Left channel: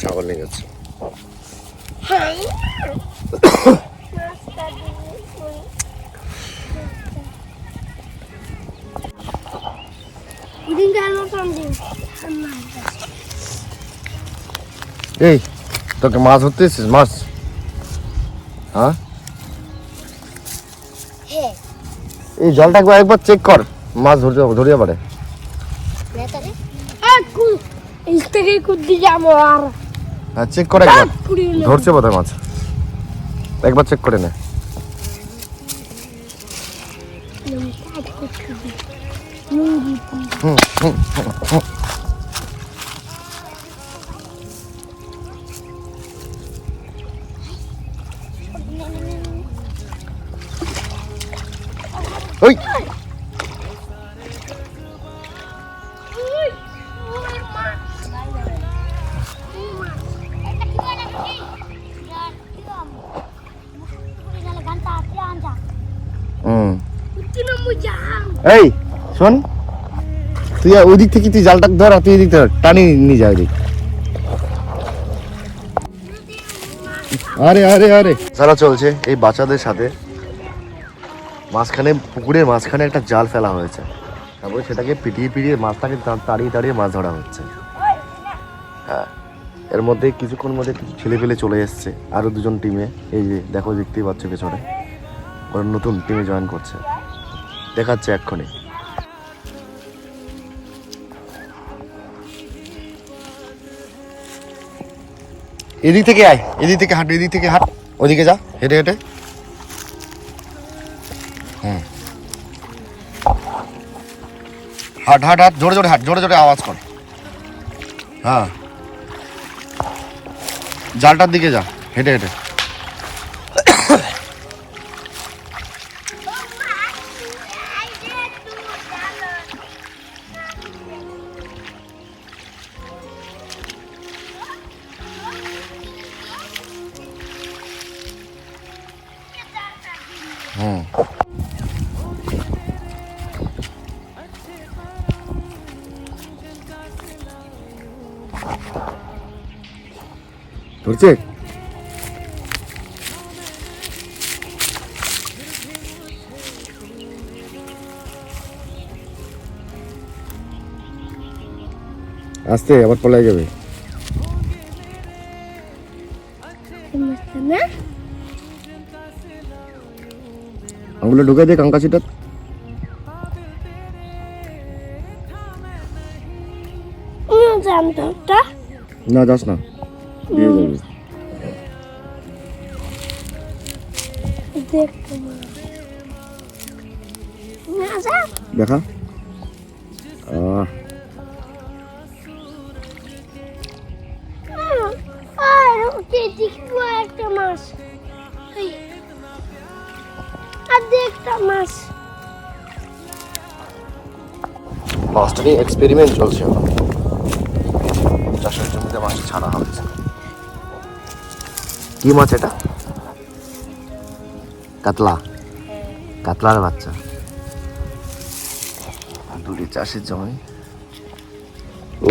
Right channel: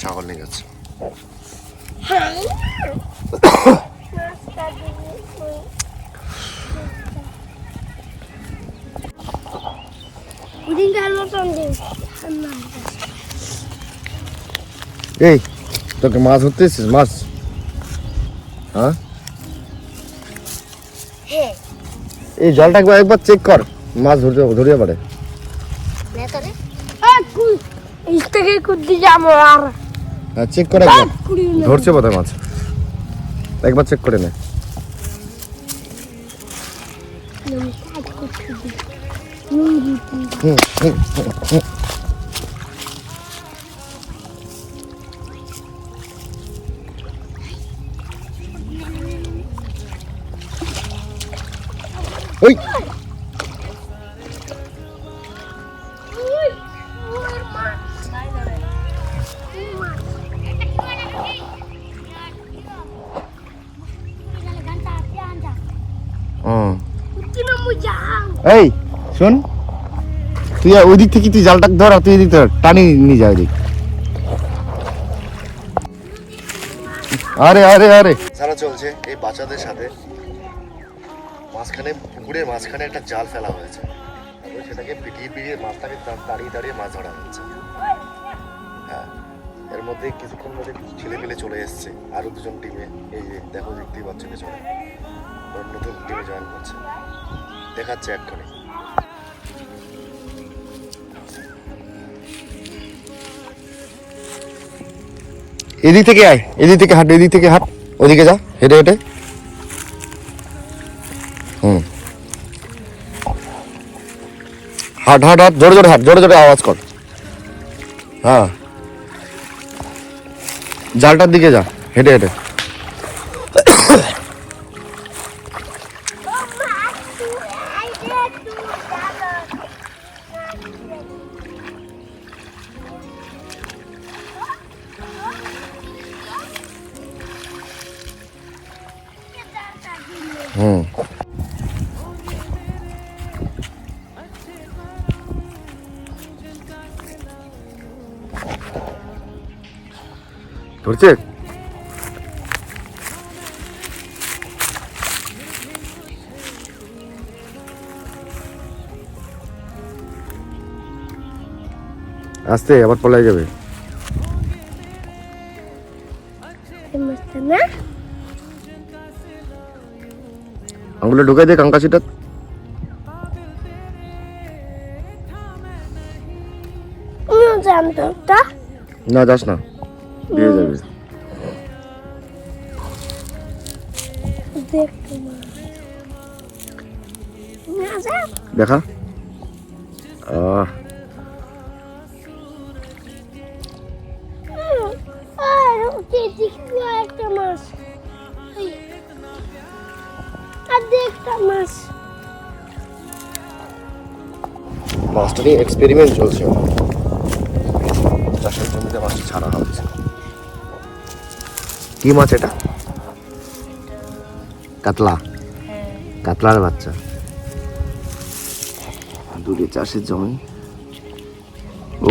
ছাগল নিয়ে যাচ্ছে। এই তোকে মাছ ধরতে এসেছিস? মাছ? হ্যাঁ, এই জলটা একবার চেক কর, মাছ ধরিয়ে পারে। চেক করে ধরছে বোধহয় মাছ, একবার চেক করে নে। ওই এই শোন, তুই ওই দিক থেকে তুই জালটা ধর, তুই এদিক ধর, টানি নিয়ে যা ওইদিক। আরে আরে আরে যারা চলছে এই বাচ্চাদের সাথে মাঝখানে, পুকুরের মাঝখানে একটা জাল ফেলা হয়েছে, তারপরে সেটাকে পিটিয়ে পিটিয়ে মাছটাকে তাড়িয়ে তাড়িয়ে মাছ ধরা হচ্ছে। হ্যাঁ, এর মধ্যে কিছুক্ষণ মধ্যে কিছু ছেলে পেলে চলে এসছে, আরো দুজন টিমে। এই যে দেখো, দেখতেই পাচ্ছ পেছনে, ওরা নতুন টিমে জয়েন করছে, দেখাচ্ছে এক্ষুনি। এদিক থেকে আয়, এদিক থেকে হাঁট, এদিক থেকে হাঁট, ওদিকে যা হেঁটে হেঁটে। হাট হাট হাট, জোরে জোরে হাট, জোরে জোরে আওয়াজ কর। হ্যাঁ, জালটার দিকে যা হেঁটে হেঁটে। ধরছে? আস্তে, আবার পলাই যাবে। আঙুলে ঢুকাই দে কাঙ্কাশিটা। না যাস না, দিয়ে যাবে। দেখা মাছটাকে এক্সপেরিমেন্ট চলছে, চাষের জমিতে মাছ ছাড়া হচ্ছে। কি মাছ এটা? কাতলা, কাতলার বাচ্চা। দুটি চাষের জমি। ও